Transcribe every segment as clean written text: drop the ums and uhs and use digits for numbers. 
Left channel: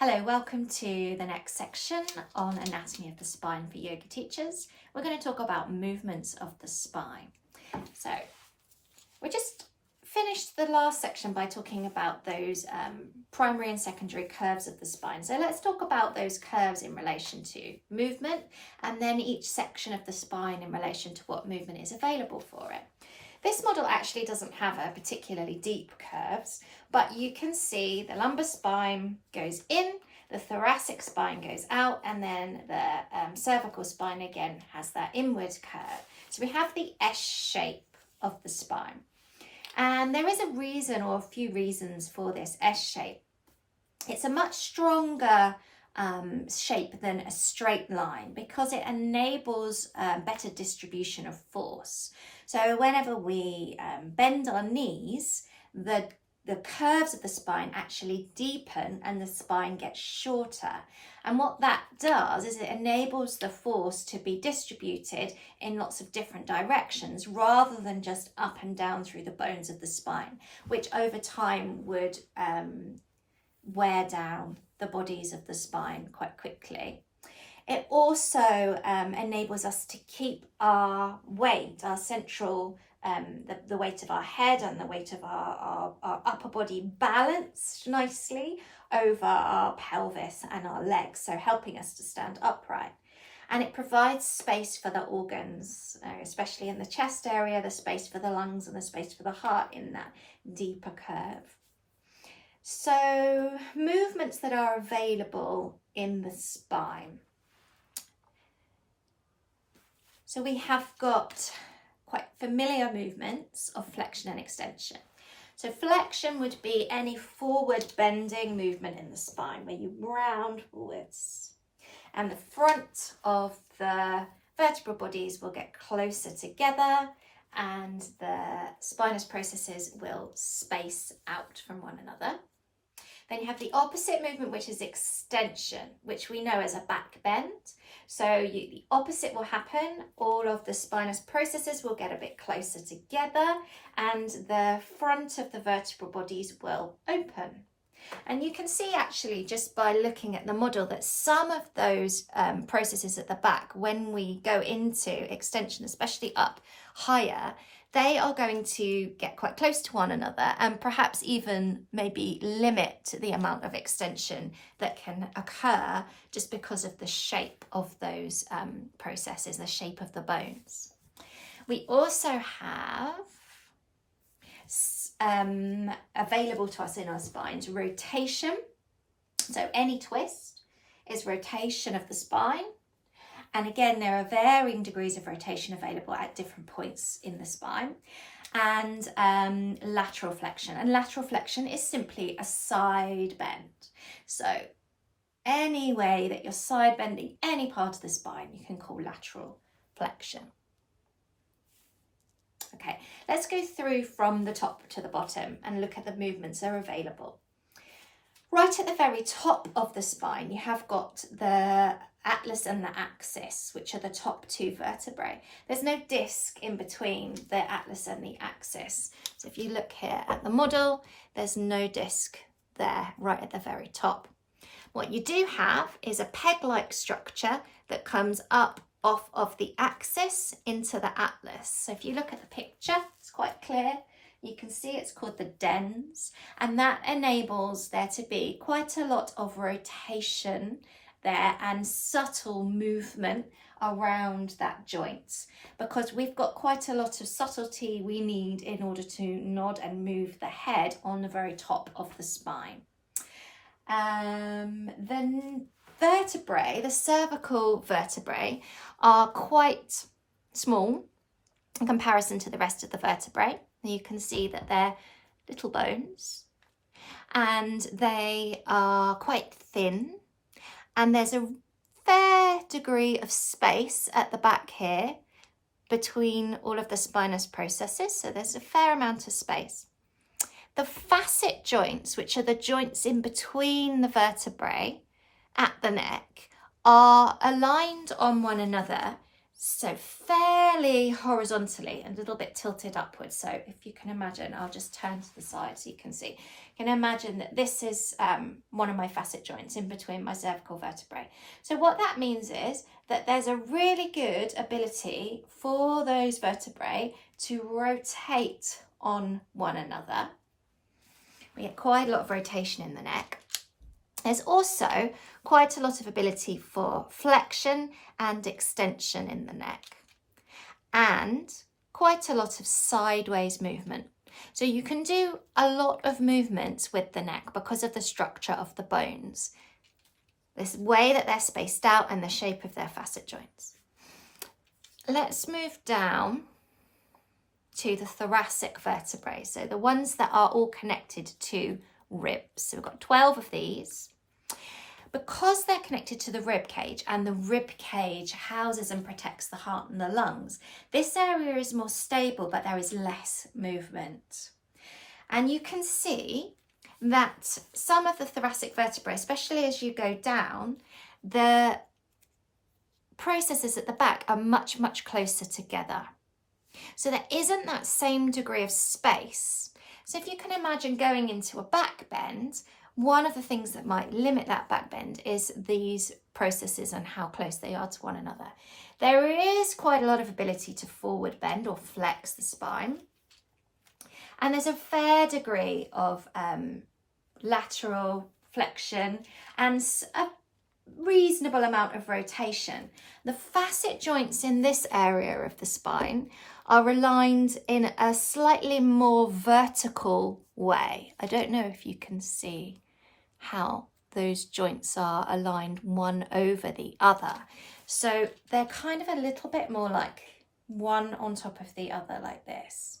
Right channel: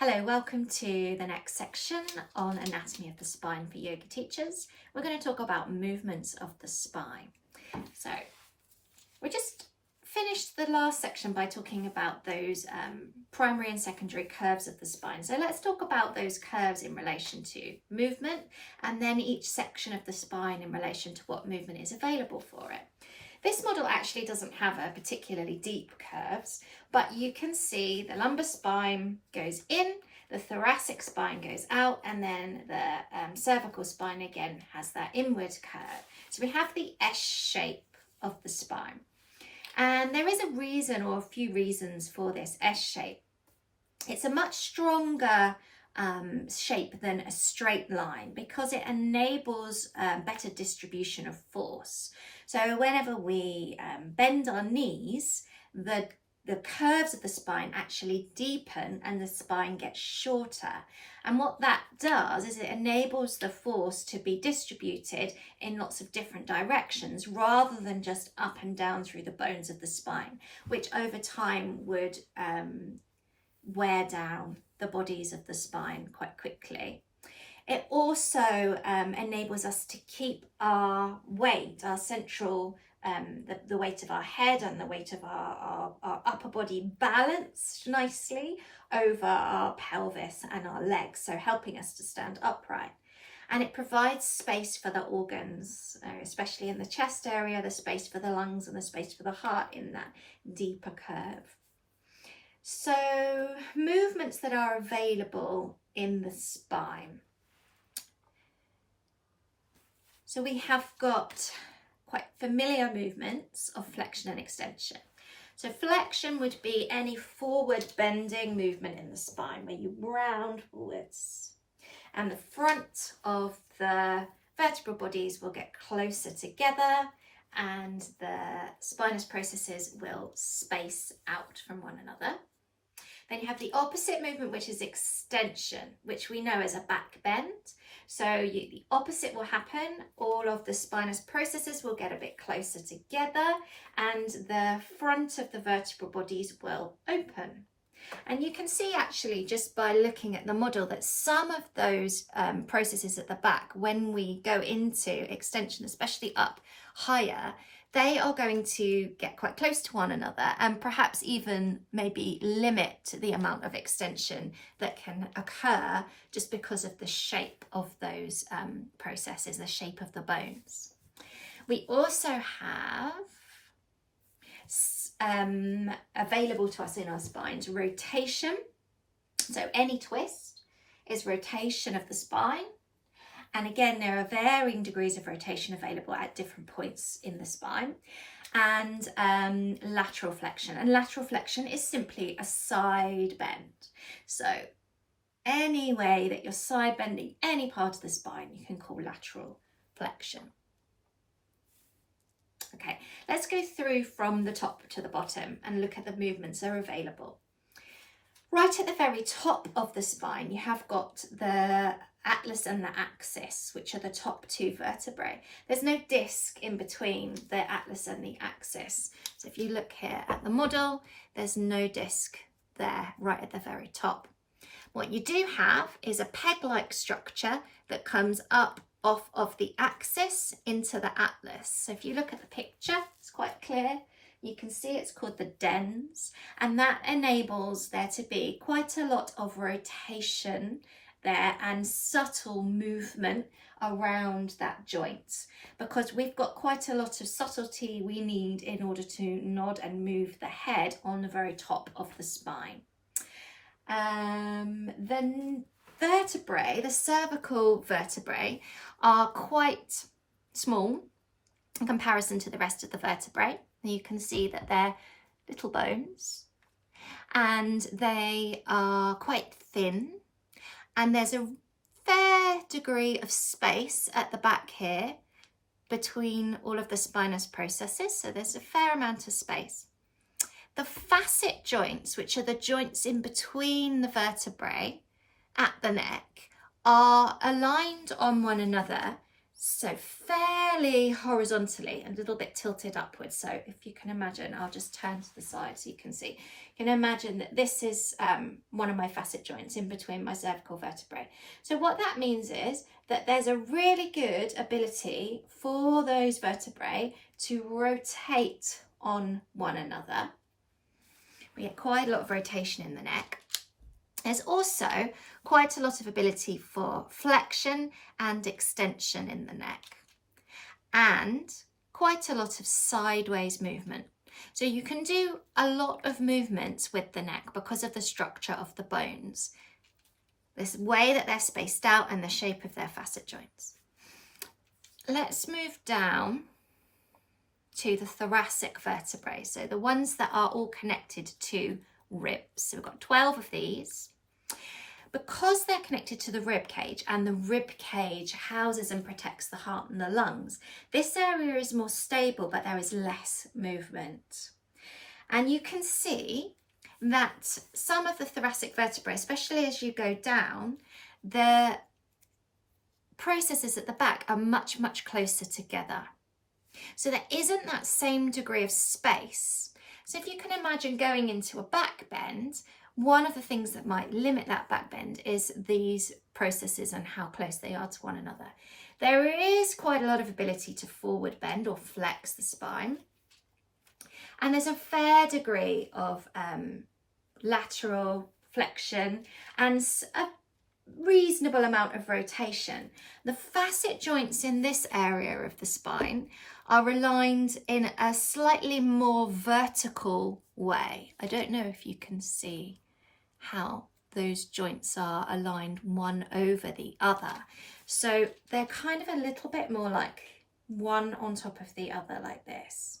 Hello, welcome to the next section on anatomy of the spine for yoga teachers. We're going to talk about movements of the spine. So we just finished the last section by talking about those primary and secondary curves of the spine. So let's talk about those curves in relation to movement, and then each section of the spine in relation to what movement is available for it. This model actually doesn't have a particularly deep curves, but you can see the lumbar spine goes in, the thoracic spine goes out, and then the cervical spine again has that inward curve. So we have the S shape of the spine. And there is a reason, or a few reasons, for this S shape. It's a much stronger shape than a straight line because it enables better distribution of force. So whenever we bend our knees, the curves of the spine actually deepen and the spine gets shorter. And what that does is it enables the force to be distributed in lots of different directions rather than just up and down through the bones of the spine, which over time would wear down the bodies of the spine quite quickly. It also enables us to keep our weight, our central, the weight of our head and the weight of our upper body balanced nicely over our pelvis and our legs, so helping us to stand upright. And it provides space for the organs, especially in the chest area, the space for the lungs and the space for the heart in that deeper curve. So movements that are available in the spine. So we have got quite familiar movements of flexion and extension. So flexion would be any forward bending movement in the spine where you round forwards, and the front of the vertebral bodies will get closer together and the spinous processes will space out from one another. Then you have the opposite movement, which is extension, which we know as a back bend. So the opposite will happen. All of the spinous processes will get a bit closer together and the front of the vertebral bodies will open. And you can see actually just by looking at the model that some of those processes at the back, when we go into extension, especially up higher, they are going to get quite close to one another and perhaps even maybe limit the amount of extension that can occur just because of the shape of those processes, the shape of the bones. We also have available to us in our spines rotation. So any twist is rotation of the spine. And again, there are varying degrees of rotation available at different points in the spine. And lateral flexion. And lateral flexion is simply a side bend. So any way that you're side bending any part of the spine, you can call lateral flexion. Okay, let's go through from the top to the bottom and look at the movements that are available. Right at the very top of the spine, you have got the atlas and the axis, which are the top two vertebrae. There's no disc in between the atlas and the axis. So if you look here at the model, there's no disc there right at the very top. What you do have is a peg-like structure that comes up off of the axis into the atlas. So if you look at the picture, it's quite clear. You can see it's called the dens, and that enables there to be quite a lot of rotation there and subtle movement around that joint, because we've got quite a lot of subtlety we need in order to nod and move the head on the very top of the spine. The vertebrae, the cervical vertebrae, are quite small in comparison to the rest of the vertebrae. You can see that they're little bones and they are quite thin, and there's a fair degree of space at the back here between all of the spinous processes, so there's a fair amount of space. The facet joints, which are the joints in between the vertebrae at the neck, are aligned on one another, so fairly horizontally and a little bit tilted upwards. So if you can imagine, I'll just turn to the side so you can see. You can imagine that this is one of my facet joints in between my cervical vertebrae. So what that means is that there's a really good ability for those vertebrae to rotate on one another. We get quite a lot of rotation in the neck. There's also quite a lot of ability for flexion and extension in the neck, and quite a lot of sideways movement. So you can do a lot of movements with the neck because of the structure of the bones, this way that they're spaced out and the shape of their facet joints. Let's move down to the thoracic vertebrae, so the ones that are all connected to ribs. So we've got 12 of these. Because they're connected to the rib cage, and the rib cage houses and protects the heart and the lungs, this area is more stable, but there is less movement. And you can see that some of the thoracic vertebrae, especially as you go down, the processes at the back are much, much closer together. So there isn't that same degree of space. So if you can imagine going into a back bend, one of the things that might limit that back bend is these processes and how close they are to one another. There is quite a lot of ability to forward bend or flex the spine. And there's a fair degree of lateral flexion and a reasonable amount of rotation. The facet joints in this area of the spine are aligned in a slightly more vertical way. I don't know if you can see how those joints are aligned one over the other. So they're kind of a little bit more like one on top of the other like this,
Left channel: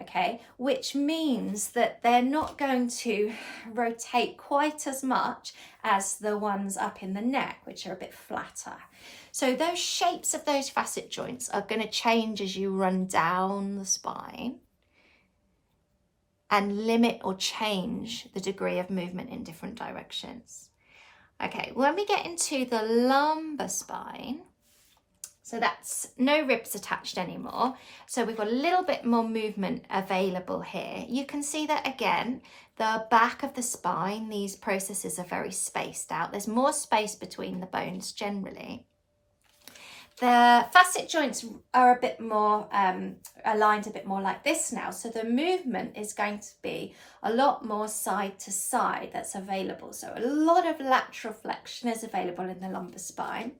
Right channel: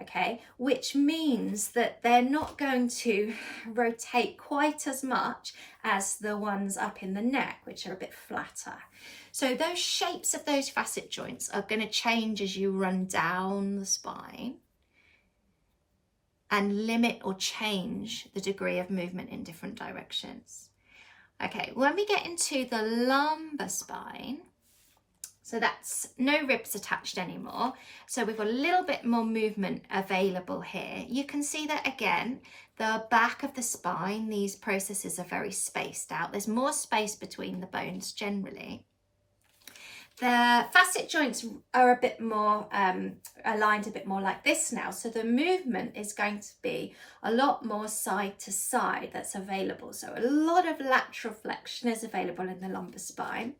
okay? Which means that they're not going to rotate quite as much as the ones up in the neck, which are a bit flatter. So those shapes of those facet joints are going to change as you run down the spine and limit or change the degree of movement in different directions. Okay, when we get into the lumbar spine, so that's no ribs attached anymore. So we've got a little bit more movement available here. You can see that again, the back of the spine, these processes are very spaced out. There's more space between the bones generally. The facet joints are a bit more aligned a bit more like this now. So the movement is going to be a lot more side to side that's available. So a lot of lateral flexion is available in the lumbar spine.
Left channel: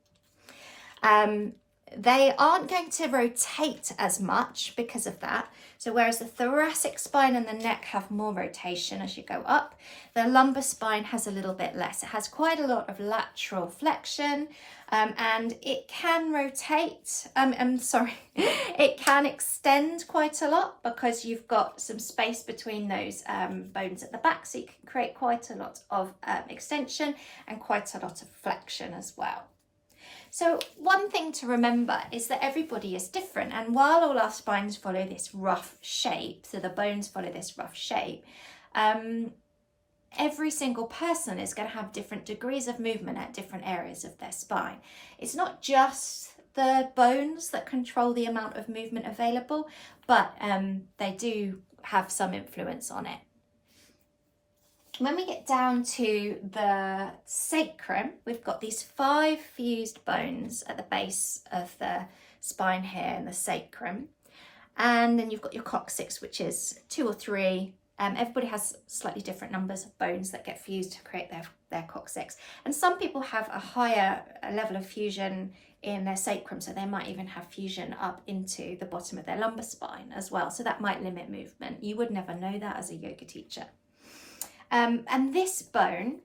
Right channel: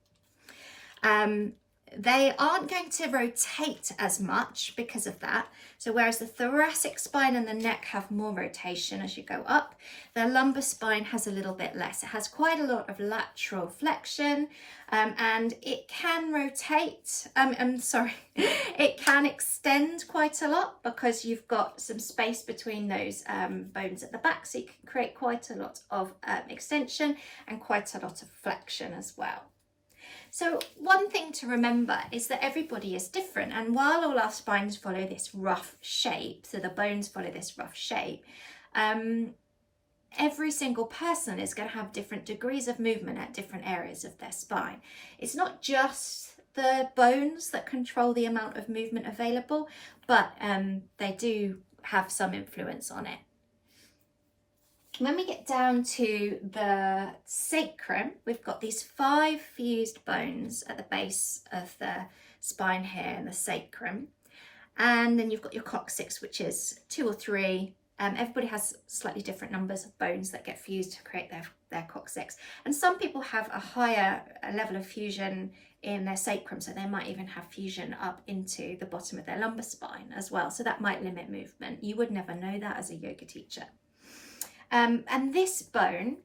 They aren't going to rotate as much because of that. So whereas the thoracic spine and the neck have more rotation as you go up, the lumbar spine has a little bit less. It has quite a lot of lateral flexion, and it can rotate, it can extend quite a lot because you've got some space between those bones at the back, so you can create quite a lot of extension and quite a lot of flexion as well. So one thing to remember is that everybody is different, and while all our spines follow this rough shape, so the bones follow this rough shape, every single person is going to have different degrees of movement at different areas of their spine. It's not just the bones that control the amount of movement available, but they do have some influence on it. When we get down to the sacrum, we've got these 5 fused bones at the base of the spine here in the sacrum. And then you've got your coccyx, which is 2 or 3. Everybody has slightly different numbers of bones that get fused to create their coccyx. And some people have a higher level of fusion in their sacrum, so they might even have fusion up into the bottom of their lumbar spine as well. So that might limit movement. You would never know that as a yoga teacher. And this bone,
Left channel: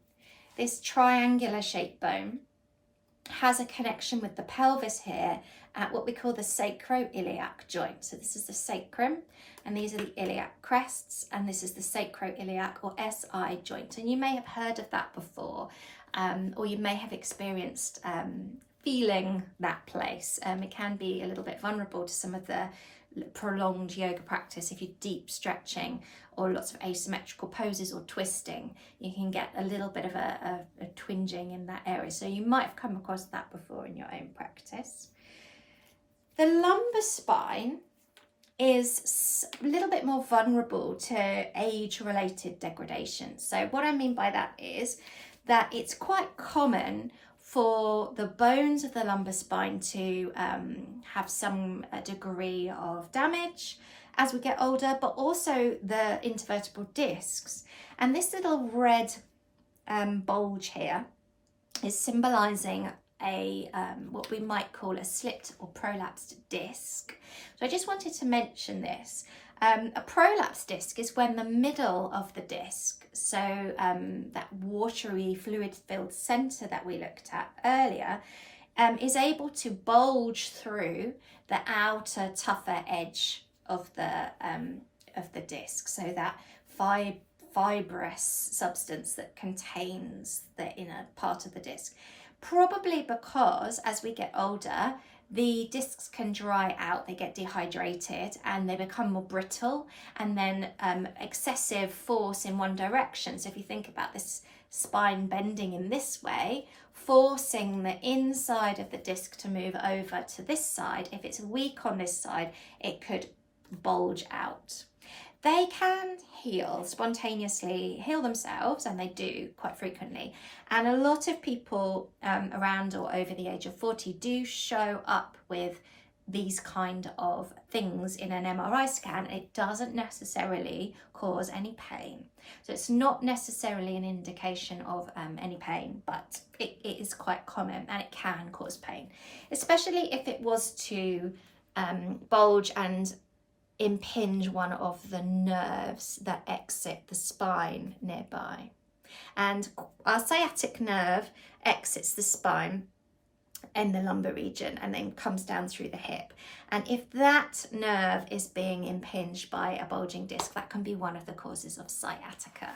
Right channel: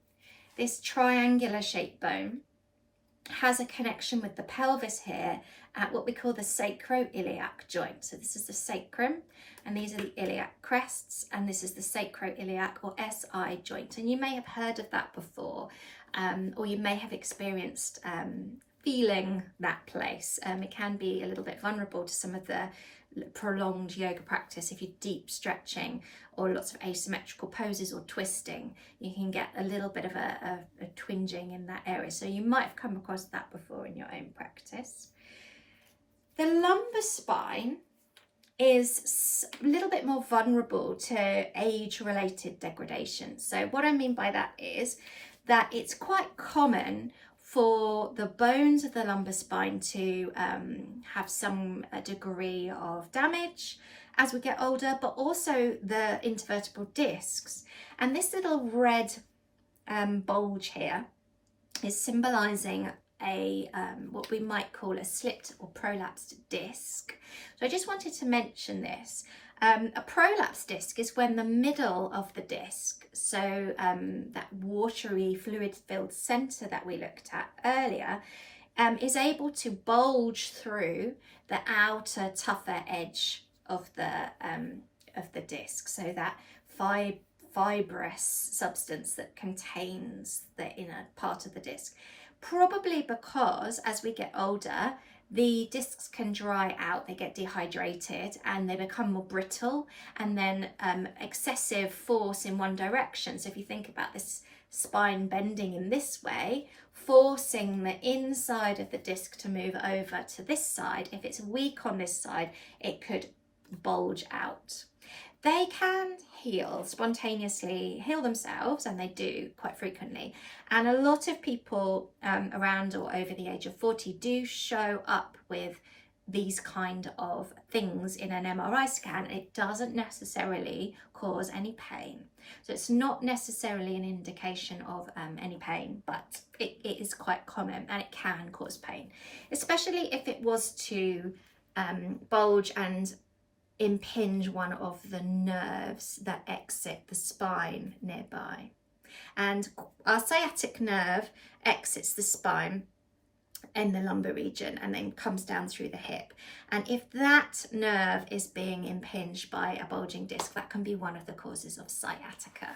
this triangular shaped bone, has a connection with the pelvis here at what we call the sacroiliac joint. So this is the sacrum, and these are the iliac crests, and this is the sacroiliac or SI joint. And you may have heard of that before, or you may have experienced feeling that place. It can be a little bit vulnerable to some of the prolonged yoga practice. If you're deep stretching or lots of asymmetrical poses or twisting, you can get a little bit of a twinging in that area. So you might have come across that before in your own practice. The lumbar spine is a little bit more vulnerable to age-related degradation. So what I mean by that is that it's quite common for the bones of the lumbar spine to have some degree of damage as we get older, but also the intervertebral discs. And this little red bulge here is symbolizing a what we might call a slipped or prolapsed disc. So I just wanted to mention this. A prolapsed disc is when the middle of the disc, so that watery fluid filled center that we looked at earlier, is able to bulge through the outer tougher edge of the disc, so that fibrous substance that contains the inner part of the disc. Probably because as we get older, the discs can dry out, they get dehydrated and they become more brittle, and then excessive force in one direction. So if you think about this spine bending in this way, forcing the inside of the disc to move over to this side, if it's weak on this side, it could bulge out. They can spontaneously heal themselves, and they do quite frequently. And a lot of people around or over the age of 40 do show up with these kind of things in an MRI scan. It doesn't necessarily cause any pain. So it's not necessarily an indication of any pain, but it is quite common and it can cause pain, especially if it was to bulge and impinge one of the nerves that exit the spine nearby. And our sciatic nerve exits the spine in the lumbar region and then comes down through the hip. And if that nerve is being impinged by a bulging disc, that can be one of the causes of sciatica.